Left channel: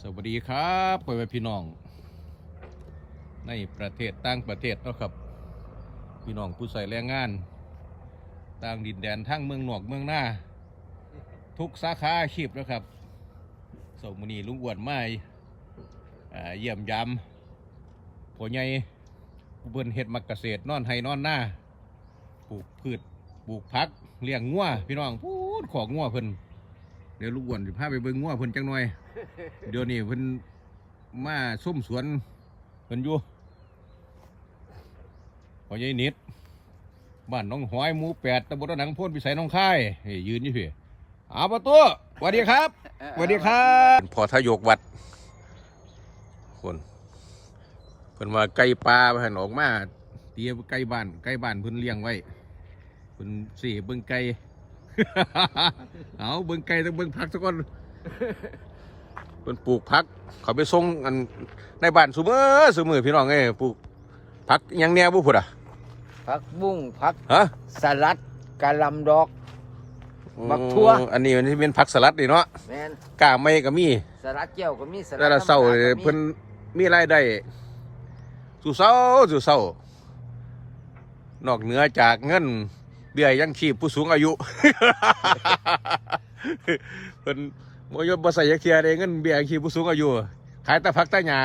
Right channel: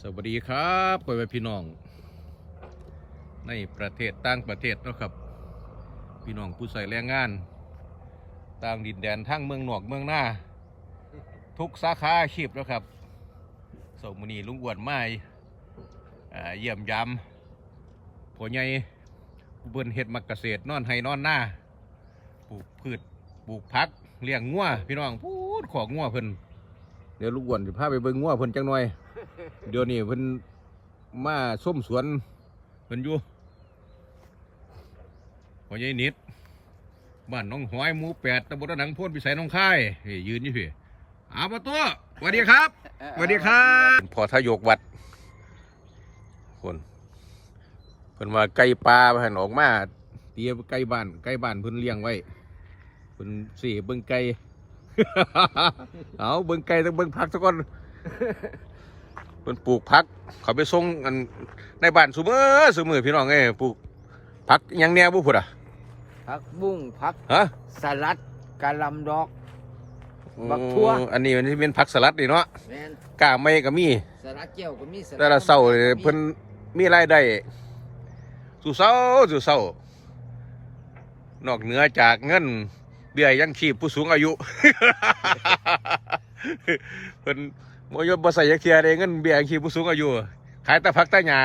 สวัสดีครับพ่อแม่พี่น้อง ในประเทศต่างประเทศนะครับ พี่น้องผู้ใส่แรงงาน ต่างดินแดนทั้งเมืองนอกเมืองหน้า ทุกสาขาอาชีพแล้วครับสมนีลุงอ้วนไม้อ่เยี่ยมยามพ่อใหญ่เบิ่นเฮ็ดมักเกษตรนอนให้นอนหน้าปลูกพืชปลูกผักเลี้ยงงัวพี่น้องพูดของงัวเพิ่นเดี๋ยวลุงอ้วนจะพาไปเบิ่งงัวเพิ่นจังหน่อย เดี๋ยวนี้เพิ่นมาส้มสวนเพิ่นอยู่พ่อใหญ่นิดบ้านหน้องหอยหมู่แปดตำบลหนังพ่นพิสัยหน้องค่ายเฮ้ยยืนอยู่พี่อาประตูสวัสดีครับสวัสดีครับพอทายกวัด คนเพิ่นว่าไก่ปลาเพิ่นออกมาเตียไก่บ้านไก่บ้านเพิ่นเลี้ยงไว้เพิ่นสี่เบิ่งไก่เอาเบิ่งไก่ต้องเบิ่งผักสักก่อน เพิ่นปลูกผัก เขาไปส่งอันในบ้านซุมือซุมือพี่น้องเอ้ยปลูกผักหยังแหน่บ่พุ่นอะผักบุ้งผักฮะสลัดกะหลำดอกผักทั่วอืมอันนี้มันสิเป็นผักสลัดนี่เนาะแมนกล้าไม่ก็มี สลัดแก้วก็มีสลัดแต่ละเช้าธรรมดเพิ่นมีรายได้สู่เช้าสู่เช้านอกเหนือจากเงินเบี้ยยังชีพผู้สูงอายุ เพิ่น บ่ยอมบ่ใส่ยักเทียได้เงินเบี้ยยังชีพผู้สูงอายุขายแต่ผักแต่หญ้า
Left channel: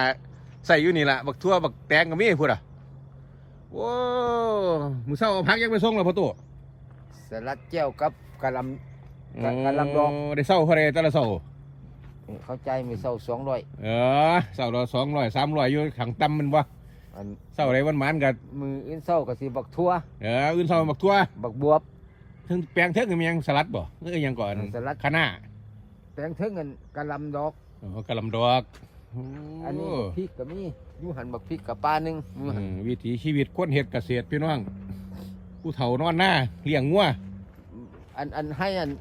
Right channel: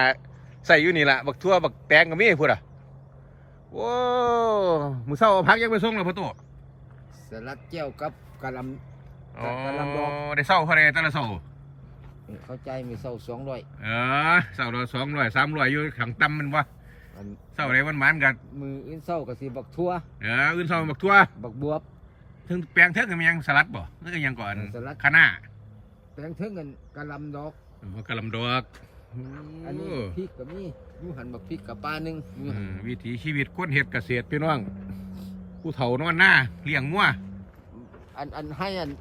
ใส่อยู่นี่ล่ะบักทั่วบักแตงก็มีพุ่นอะโอ้มื้อเช้าเอาผักยังไปส่งแล้วพ่อตู่สลัดแก้วกับกะหลกะกะลำดอกได้เช้าเท่าใดแต่ละเช้าำเข้าใจไม่เศร้าสองร้อยเออเช้าละ200 300อยู่ขังต่ำมันบ่อันเช้าใดวันหมานก็มืออินเศร้าก็สิบักทั่วเอออื่นเช้าบักทั่วบักบวบถึงแปลงเทิงมีหยังสลัดบ่เอ้ยยังก่อนสลัดคะน้า แตงเทิงกันกะหลำดอกโอ้กะหลำดอกอันนี้โอ้พริกก็มีอยู่หันบักพริกกับปลาหนึ่งอยู่อืหั่นมวิถีชีวิตคนเฮ็ดเกษตรพี่น้อง ผู้เฒ่านอนหน้าเลี้ยงงัวอันอันให้อัน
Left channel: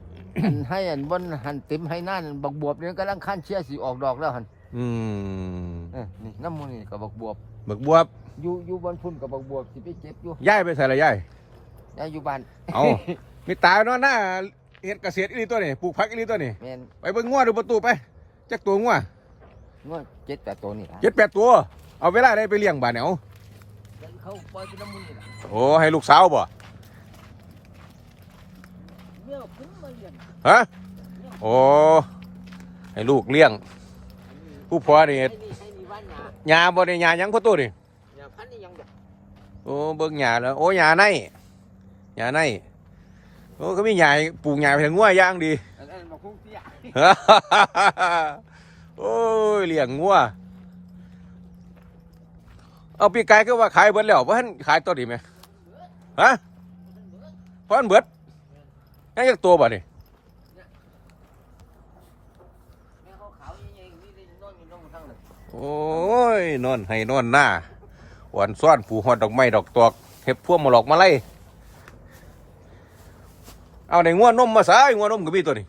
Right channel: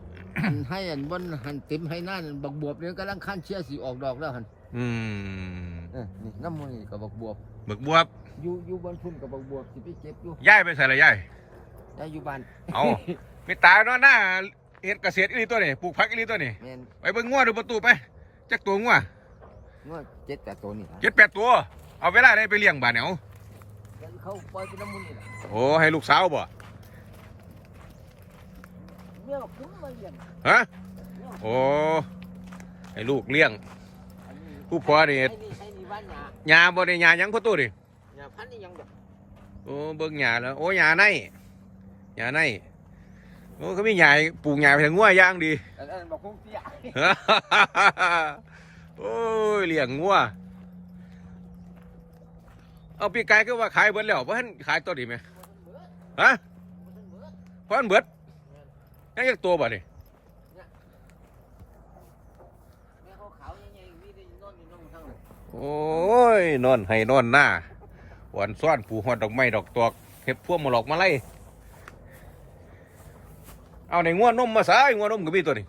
อันให้อันบนหันเต็มให้หน้านั่นบักบวบเนี่ยกำลังขั้นเชียร์สีออกดอกแล้วหันอืมเออนี่น้ำมันนี่กับบักบวบบักบวบอยู่อยู่บนพุ่นกับบักบวบสิไปเก็บอยู่ย้ายไปใส่ละย้าย ยายอยู่บ้านเอา มีตานอนหน้า เฮ็ดเกษตรอีหลีตัวนี่ปลูกผักอีหลีตัวนี่แมนไปเบิ่งงัวดูประตูไปจักตัวงัวนวดเจ็ดแต่ตัวนี่เจ็ดแปดตัว เอาเวลาได้ไปเลี้ยงบ้านเนี่ยเอาแล้วเขาปล่อยเป็นน้ำมันนี่แหละโอ้ให้ลูกสาวบ่เมื่อคุ้มมาเลี้ยงฮะโอ้ให้ลูกเลี้ยง ผู้พ่อนี่ให้นี่ให้นี่บ้านนี่ยาบ่ได้ยาหยังประตูนี่ อย่าพันนี่ยังแบบ โอ้เบิ่งหญ้าแล้วโอ้หญ้าในหญ้าใน โอ้ก็มีหญ้าปลูกหญ้าไปทางงัวอย่างดีอันนั้นบอกคงเตี้ยโอ้ยเลี้ยงงัวเอาปีกไก่ก็ว่าขายเบิดแล้วบ่ทันขายตัวนี้ไหมฮะเพราะมันเบิดยังจักตัวบ่นี่แม่เขาขาวยังไงมีได้นอนอยู่นอนทั้งเลยโอ้ยนอนให้นอนหน้าหวานซ้อนผูหอดดอกไม้ดอกตอกเห็บพวงมาหลอกมาไล่ เอาในงัวนมมาสายงัวนมก็มีตัวนี้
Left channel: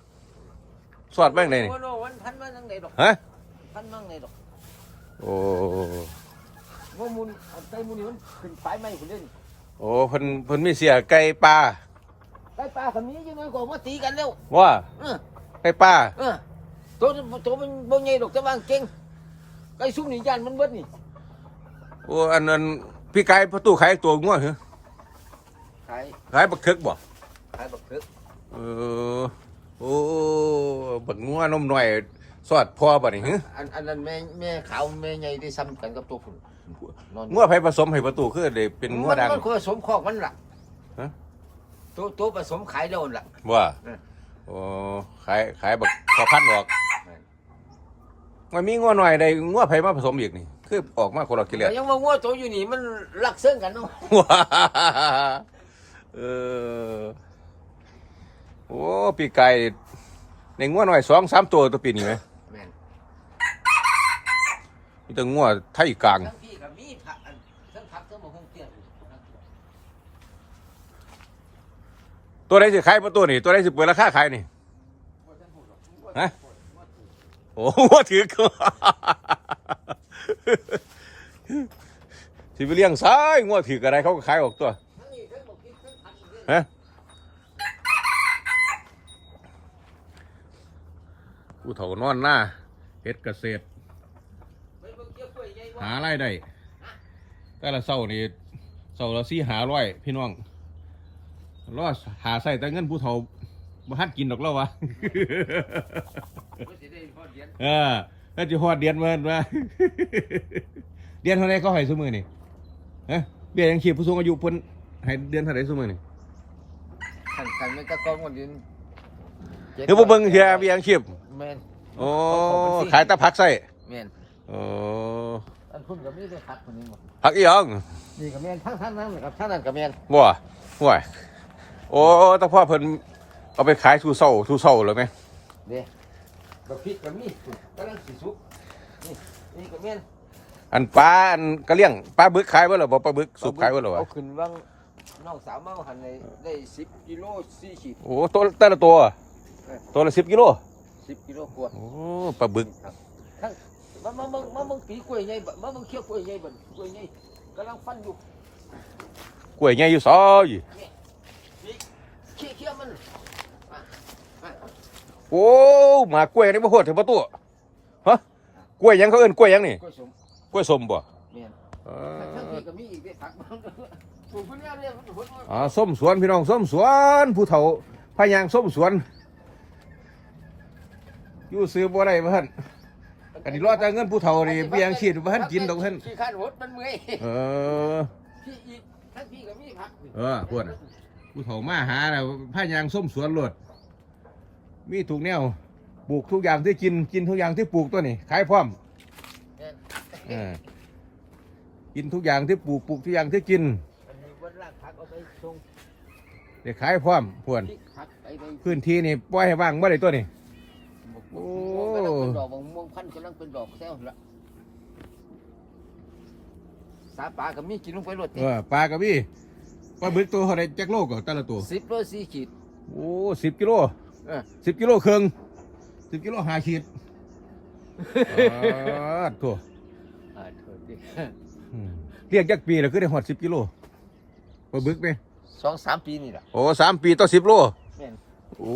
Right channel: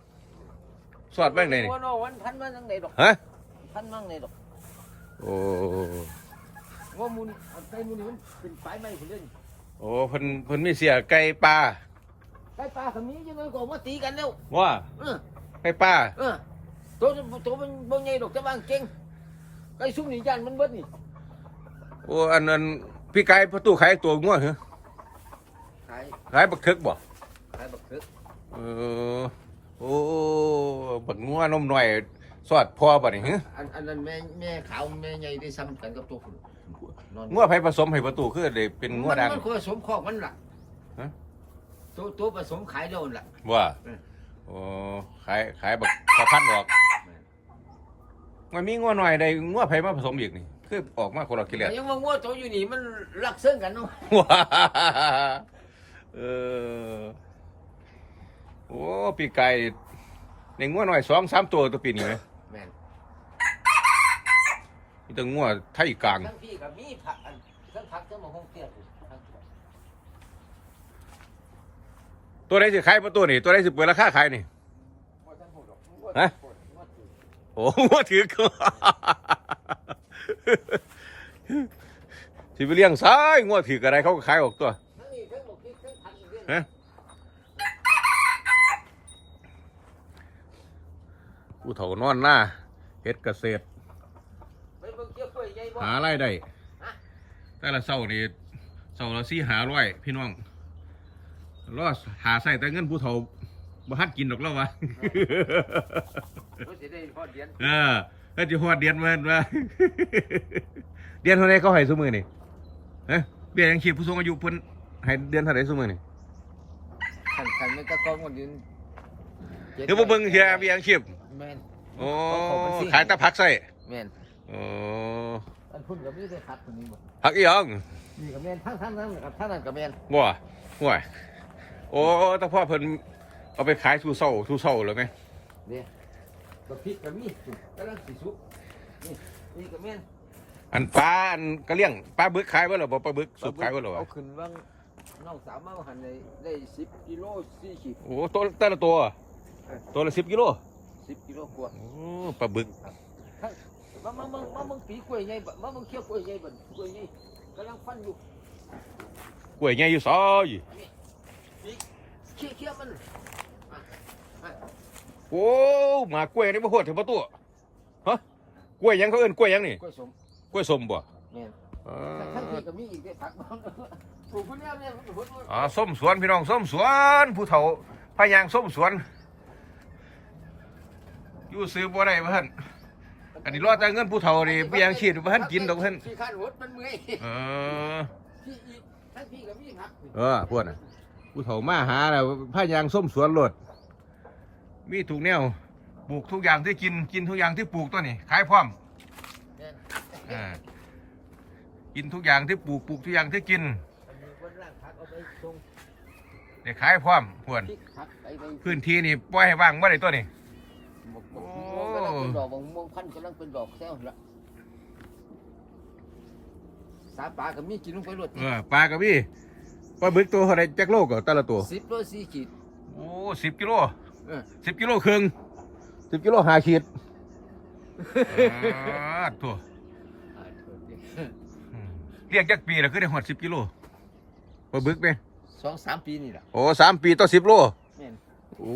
สอดแบ้งเลยนี่โอ้โหวันพันมาทั้งไหนดอกฮะพันมาทั้งไหนดอกโอ้ว่ามูลเอาไก่มูลนี่มันเป็นไฟไหม้คนเล่นโอ้เพิ่นเพิ่นมีเสียไก่ปลาไก่ปลาคำนี้ยังไงก็มาตีกันแล้วว่าเออไก่ปลาเออตัวตัวมันบ่ใหญ่ดอกจะวางเก่งไก่ซุ้มนี่ยันมันเบิดนี่โอ้อันนั้นพี่ไก่ประตูขายตัวงัวเหรอขายขายบักเทึกบ่ขายบักเขือ เออโอ้บักงัวนมหน่อย สอดพอบ่นี่ฮะอันอันนั้นแม่แม่ขาวแม่ใหญ่ได้ซ้ำกันกับตัวฝุ่นนอนงัวไผผสมให้ประตูคือได้เป็นงัวดัง มันคือผสมคอกมันล่ะฮะ ตัวตัวผสมขายแล้วล่ะ ว่าเออ โอ้ขายขายบักพอพันออกมันมีงัวหน่อยได้งัวไผมาผสมอีกนี่ คือออกมาคนละกิเลส แต่ยังว่างัวตัวอยู่นี่มันรักเสื่องกันเนาะว้าเออ โอ้ปีไก่ในงัวหน่อยสองสามตัวตัวปีนี้ไหมแม่นมีแต่งัวไทยกลางทั้งพี่กับมีผักอันทั้งผักทั้งหมกคงเตี้ยอยู่ทั้งตัวไหนสิขายประตูนี่ตัวไหนสิเปิดราคาขายนี่ฮะโอ้งัวถือก็สิไปเลี้ยงซ้ายงัวถืออะไรเขาก็ขายออกตัวทั้งนี่ทั้งหมกพริกทั้งผักอีกเด้อฮะ ผู้เฒ่านอนหน้าเฮ็ดเกษตร หารายได้ แต่ละเสานี่เสาละสี่หาร้อยพี่น้องรอหาใส่แต่เงินผู้เฒ่าบ่ทันกินดอกแล้ววะบ่สิได้พอเดียนเออเอ้ยจะฮอดเดือนมาว่า เดือนเท่าไรเขาให้ซุมือนี่ฮะเบี้ยยังชีพผู้สูงอายุเพิ่นให้เดือนเท่าไรซุมือนี่คันคันมันก็กองวันเดือนจ็ดเดี๋ยวบ่เบิ่งเฮียเบี้ยยังชีพ แม่นโอ้เขาเป็นสิ่งขายแตะพักใส่แม่นโอ้อันคุณก็มีได้พักคนนี้บ่พักอีหยังนี่ก็แม่นทั้งทั้งนั้นกับทั้งนั้นก็แม่นบ่ว่ายโอ้แตะพ่อเพิ่นเอาไปขายทูเศร้าทูเศร้าเลยไหมเด้ก็พริกก็มีสุกกำลังสิสุกนี่นี่ก็แม่นอันปลาอันกระเลี้ยงปลาบึกขายบ่หรอบ่ปลาบึกสุกขายบ่หรอวะเอาขึ้นวางน้องสาวมาหันเลยได้10กิโล4ขีดโอ้ตัวแต่ละตัว ตัวละสิบกิโล 10กิโลกว่าโอ้ปลาบึกทั้งมามามามามึงปีกล้วยใหญ่บ่มามึงเคี้ยวกล้วยใหญ่บ่กล้วยใหญ่กำลังฟันอยู่กล้วยใหญ่อยู่ซอยเคี้ยวเคี้ยวมันโอ้หมากล้วยนี่บ่โหดถึงประตูฮะกล้วยหยังเขาเอิ้นกล้วยหยังนี่กล้วยสมกล้วยสมบ่แม่นเอทั้งอที่ก็มีอีกได้ผักบ้างปลูกพุ่นแล้วเนี่ยมันพุ่นอ๋อส้มสวนพี่น้องส้มสวน ผู้เฒ่าพายางส้มสวน อยู่ซื้อบ่ได้บ่ท่านกันนี่รอแต่เงินผู้เฒ่านี่เบี้ยยังชีพบ่ทันกินดอกท่านขี้ข้านหดมันเมื่อยเออพี่อีกทั้งพี่ก็มีผักเออพวกน่ะผู้เฒ่ามาหาแล้วพายางส้มสวนโลดมีทุกแนวปลูกทุกอย่างที่กินกินทุกอย่างที่ปลูกตัวนี้ขายพร้อมแม่นเออกินทุกอย่างที่ปลูกปลูกทุกอย่างที่กินอันนี้วันล่างผักเอาไปส่งได้ขายพร้อมพวนพริกผักไปไป พื้นที่นี่ปล่อยให้ว่างเมื่อไรตัวนี้ บกบกม่วงกำลังเป็นดอกบกม่วงพันธุ์กำลังเป็นดอกแซวละสาปลาก็มีกินลงไปรดเออปลากระบี่ปลาบึกตัวเท่าไรจักโลก็แต่ละตัวสิบโลสี่ขีด โอ้สิบกิโลเออ สิบกิโลครึ่งสิบกิโลห้าขีดอ่าตัวอ่าโทษทีอืมเรียกจักปีแล้วคือได้หอดสิบกิโลปลาบึกไหมสองสามปีนี่แหละโอ้สามปีต่อสิบโลแม่นโอ้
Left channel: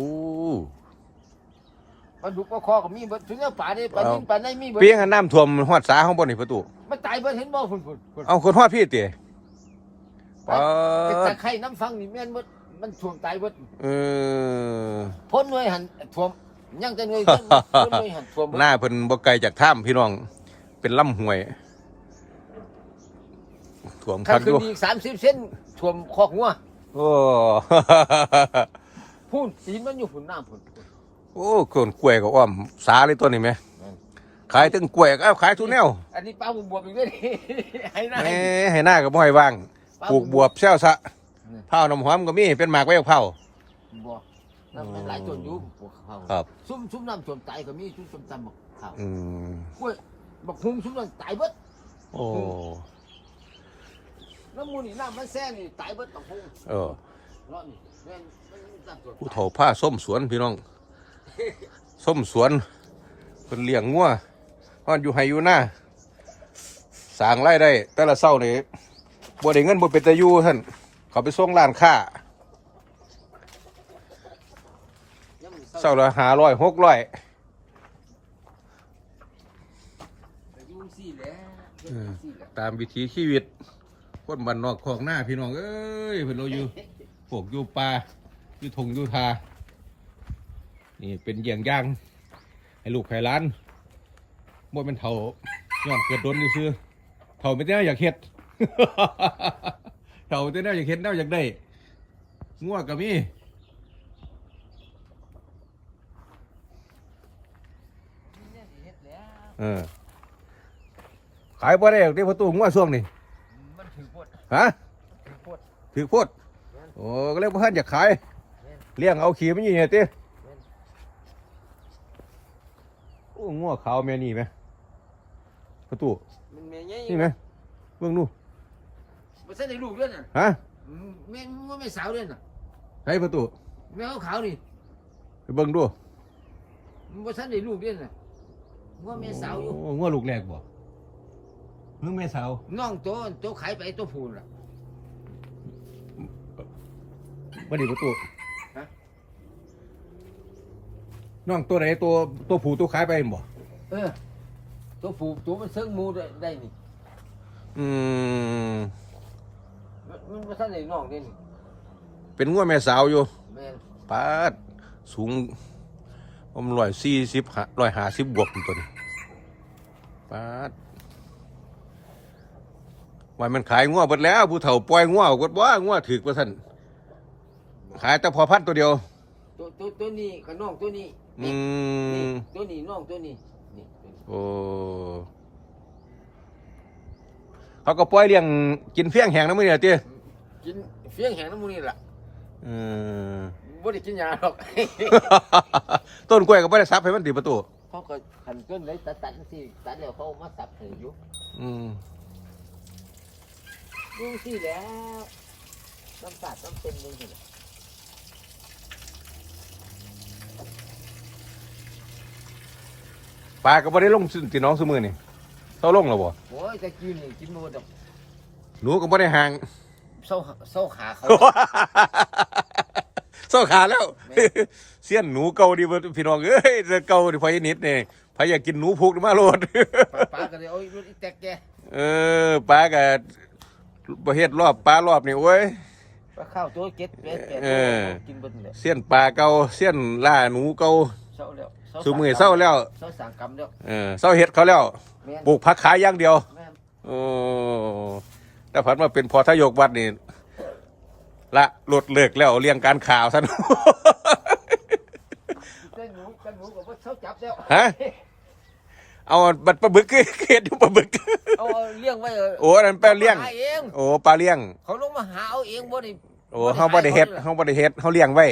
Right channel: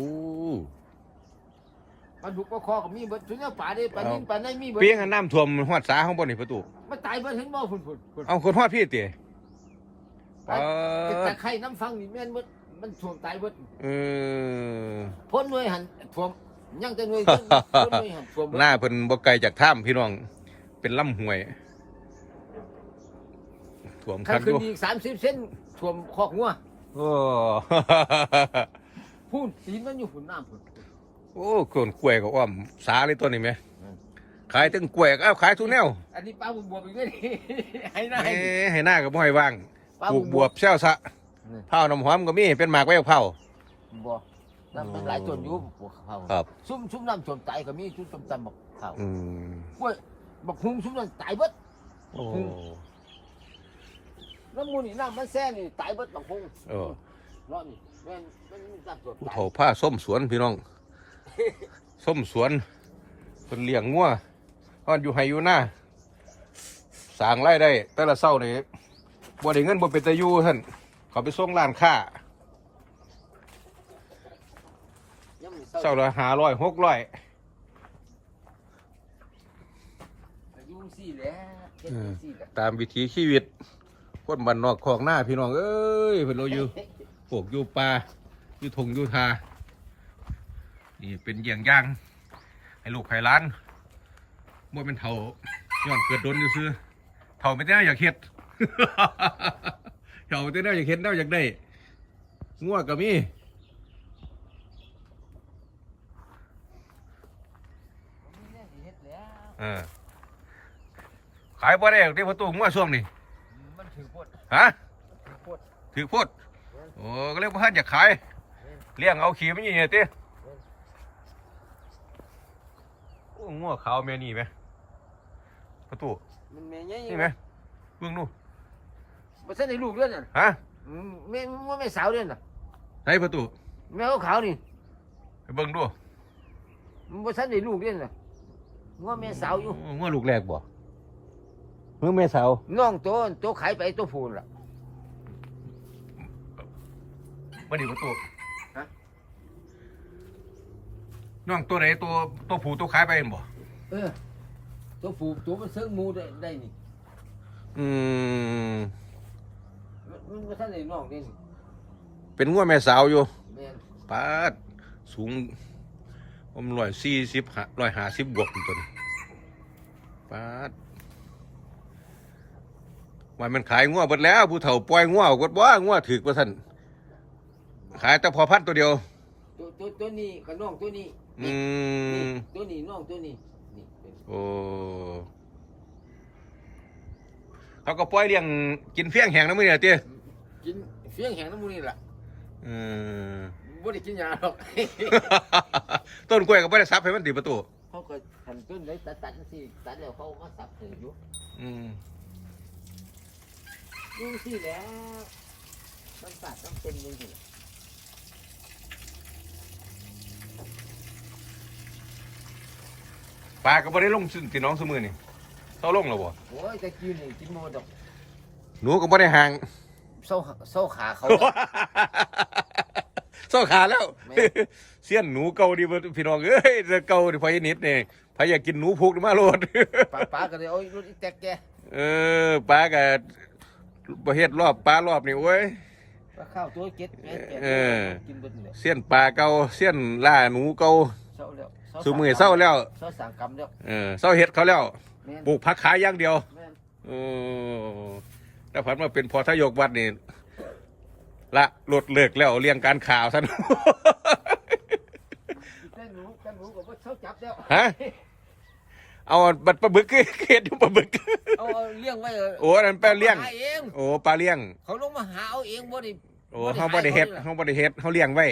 ปลาดุกปลาคอก็มีเบิดถึงแล้วปลาได้ปลาดิ้นปลาในมีเบิดเปียงอันน้ำท่วมหอดสาของบ่นี่ประตู มันตายเบิดเห็นบ่พุ่นพุ่นพุ่นเอาคนหอดพี่เตี๋ยปาแต่ดไข่น้ำฟังนี่แม่นเบิดมันท่วมตายเบิดเออพ้นหน่วยหันท่วมยังแต่หน่วยพ้นหน่วยหันท่วมหน้าเพิ่นบ่ไกลจากถ้ำพี่น้อง เป็นลำห้วยท่วมถ้าคักอขึ้นยู่อีกสามสิบเซนท่วมคอกงัวโอ้พุ่นตีนมันอยู่พุ่นน้ำพุ่น โอ้กนกล้วยก็อ้อม สาเลยตัวนี้ไหมอืมขายถึงกล้วยก็เอาขายทุกแนวอันนี้ปลาบุบวบอีกด้วยนี่ให้หน้าเอ้ให้ให้หน้าก็บ่ให้ว่างปลูกบวบเซลซะนี่ เผาน้ำหอมก็มีเป็นหมากไว้กับเผาบ่น้ำมันไหลจนอยู่ครับซุ่มซุ่มน้ำจนตายก็มีซุ่มตำตำบักข้าวอืมกล้วยบักหุ่งซุ่มนั้นตายเบิดโอ้น้ำมูนี่น้ำมันแซ่นี่ตายเบิดบักหุ่งเออ เนาะนี่แม่นมันน้ำจนผู้เฒ่าผ้าส้มสวนพี่น้อง ส้มสวนเพิ่นเลี้ยงงัวฮอนอยู่ไห้อยู่หน้าสางรายได้ แต่ละเช้านี่บ่ได้เงินบ่เป็นตาอยู่ท่านเขาไปส่งร้านค้ายังมีเช้าละ500 600ยุ่งซี่แหล้ออตามวิถีชีวิต คนบ้านนอกของหน้าพี่น้อง เอ้ยเพิ่นเราอยู่ปลูกอยู่ป่าอยู่ทงอยู่ทา นี่เป็นเยี่ยงอย่าง ให้ลูกให้หล้านบ่เป็นเท่าย้อนเกิดโดนอยู่ซื้อเท่าไม่ได้อยากเฮ็ดเท่าไม่ได้อยากเฮ็ดได้อยากได้งัวก็มีเออขายบ่ได้หรอกเด้ประตูงัวช่วงนี้มันถือพดฮะถือพดถือโพดโอ้ก็เรียกว่าท่านอยากขายเลี้ยงเอาขี่มันยี่เนี่ยติ โอ้งัวขาวแม่นี่ไหมประตูมันแม่ใหญ่นี่ไหมเบิ่งดูบ่ทันได้ลูกเด้อน่ะฮะอืมแม่ว่าแม่สาวเด้อน่ะใส่ประตูแม่ขาวๆนี่ไปเบิ่งดูมันบ่ทันได้ลูกเด้อน่ะว่าแม่สาวอยู่โงัวลูกแรกบ่เมื่อแม่สาวน้องตัวตัวขายไปตัวผู้ล่ะมาดิประตู ฮะ น้องตัวไหนตัวตัวผู้ตัวขายไปเห็นบ่เออ ตัวผู้ตัวมันเซิงหมูได้ได้นี่อืมมันมันบ่ทันได้นอกนี่เป็นงัวแม่สาวอยู่แม่นปาดสูงผมร้อยสี่สิบร้อยห้าสิบบวกตัวนี้ปาดว่ามันขายงัวเบิดแล้วผู้เฒ่าปล่อยงัวกดว่างัวถือกว่าท่านขายแต่พอพันตัวเดียว ตัวตัวตัวนี้กับน้องตัวนี้ อืนี่มตัวนี้น้องตัวนี้นี่ตัวนี้โอ้เขาก็ปล่อยเลี้ยงกินเฟี้ยงแห้งน้ำมือเนี่ยเตี้ยกินเฟี้ยงแห้งน้ำมูนี่ล่ะเออบ่ได้กินยาหรอก ต้นกล้วยก็ไม่ได้ซับให้มันติดประตูเขาก็ทำต้นเลยตัดตัดสิตัดแล้วเขามาสับให้อยู่อืมดูสิแล้วน้ำตาลต้องเป็นมือดิ ปลาก็ไม่ได้ลงสิตีน้องสมือนี่เศร้าลงแล้วบ่โอ้ยตะกี้นี่กินหมดดอกหนูก็ไม่ได้ห่างเศร้าเศร้าขาเขา เศร้าขาแล้ว แม่ เสี้ยนหนูเก่าดีบ่พี่น้องเอ้ยแต่เก่าดิพอยนิดนี่พอยอยากกินหนูพุกนี่มาโลดปลาปลาก็เลยเอารถอีแตกแกเออปลาก็ประเฮ็ดรอบปลารอบนี่โอ้ยปลาข้าวตัวเก็ดแปดแปดเออ กินเบนเลยเสี้ยนปลาเก่าเสี้ยนล่าหนูเก่าเศร้าแล้ว สุมือเศร้าแล้วเศร้าสั่งกรรมแล้วเออเศร้าเฮ็ดเขาแล้วแม่นปลูกผักขายอย่างเดียวแม่นโอ้แต่ผัดมาเป็นพอทายกวัดนี่ละหลดเลิกแล้วเลี้ยงการข่าวท่านแต่หนูแต่หนูก็บ่เศร้าจับแล้วฮะเอาบัตรปลาบึกเขียนอยู่ปลาบึกเอาเอาเลี้ยงไว้เโอ้นั่นแปลเลี้ยงหาเองโอ้ปลาเลี้ยง เขาลงมาหาเอาเองบ่ได้โอ้เฮาบ่ได้เฮ็ดเฮาบ่ได้เฮ็ดเฮาเลี้ยงไว้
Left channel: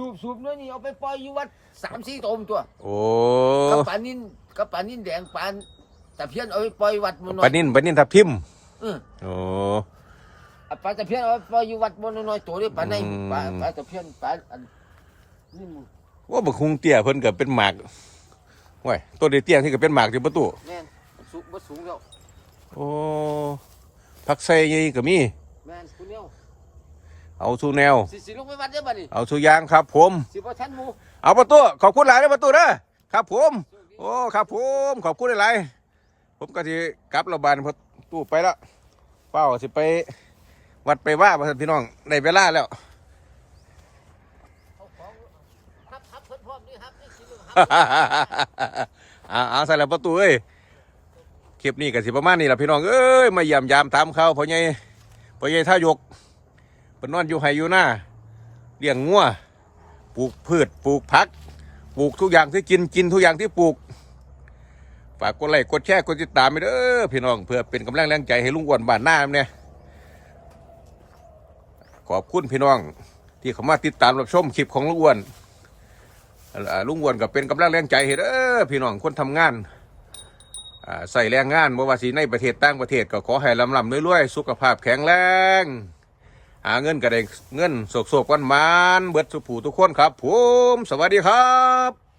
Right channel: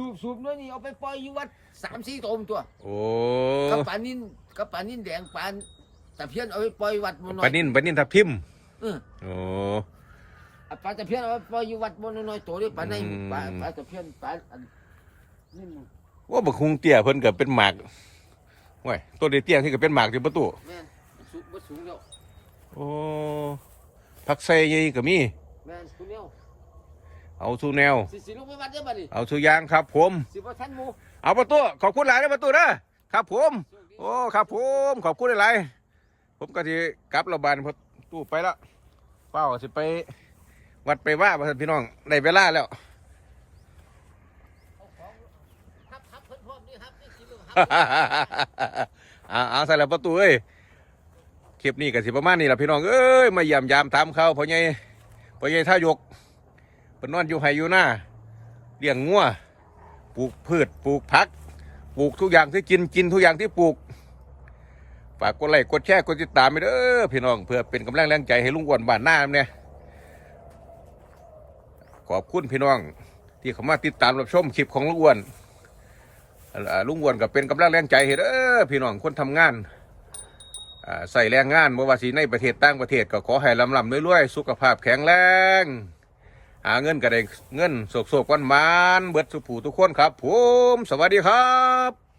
สูบสูบน้อยนี่เอาไปปล่อยอยู่วัดสามสี่ตมตัวโอ้กับปลานิ่นกับปลานิ่นแดงปลาตะเพียนเอาไปปล่อยวัดมันน้อปลาย นิ่นปลานิ่นทับทิมเออ โอ้ อะปลาตะเพียนเอาไปปล่อยอยู่วัดมันน้อยๆตัวนี้ปลาในอืม ปลาปลาตะเพียนปลาอันนี่มึงว่าบักฮุงเตี้ยเพิ่นก็เป็นหมากว้ยตัวเตี้ยที่ก็เป็นหมากที่ประตูแม่นสูงบ่สูงแล้วโอ้ผักไส้ใหญ่ก็มีแม่นคุณเนียว เอาสู่แนว สิสิลงไปวัดได้อบัดนี้เอาสู่ยางครับ ผม สิบ่ทันหมู่เอาประตูขอบคุณหลายนะประตูนะครับผม โอ้ครับผม ขอบคุณหลายๆผมก็สิกลับระบานประตูไปแล้วเป้าสิไปวัดไปว่าบ่ท่านพี่น้องได้เวลาแล้วเอาของทับทับเพิ่นพร้อมนี่ครับนี่สิลงครับเอาเอาใส่แล้วประตูเอ้ยคลิปนี้ก็สิประมาณนี้แหละพี่น้องเอ้ยมาเยี่ยมยามถามเขาวพ่อใหญ่พ่อใหญ่ท่ายก เป็นนอนอยู่ไห้อยู่หน้าเลี้ยงงัวปลูกพืชปลูกผัก ปลูกทุกอย่างที่กินกินทุกอย่างที่ปลูก ฝากกดไลค์กดแชร์กดติดตามไปเด้อพี่น้องเพื่อเป็นกำลังแรงใจให้ลุงอ้วนบ้านหน้าเนี่ยขอบคุณพี่น้อง ที่เข้ามาติดตามรับชมคลิปของลุงอ้วนลุงอ้วนก็เป็นกำลังแรงใจให้เด้อพี่น้องคนทำงานใส่แรงงานบ่ว่าสิในประเทศต่างประเทศก็ขอให้ลำลำรวยๆสุขภาพแข็งแรง หาเงินกระเดงเงินโศกๆวันมานเบิดสุผูทุกคนครับผมสวัสดีครับ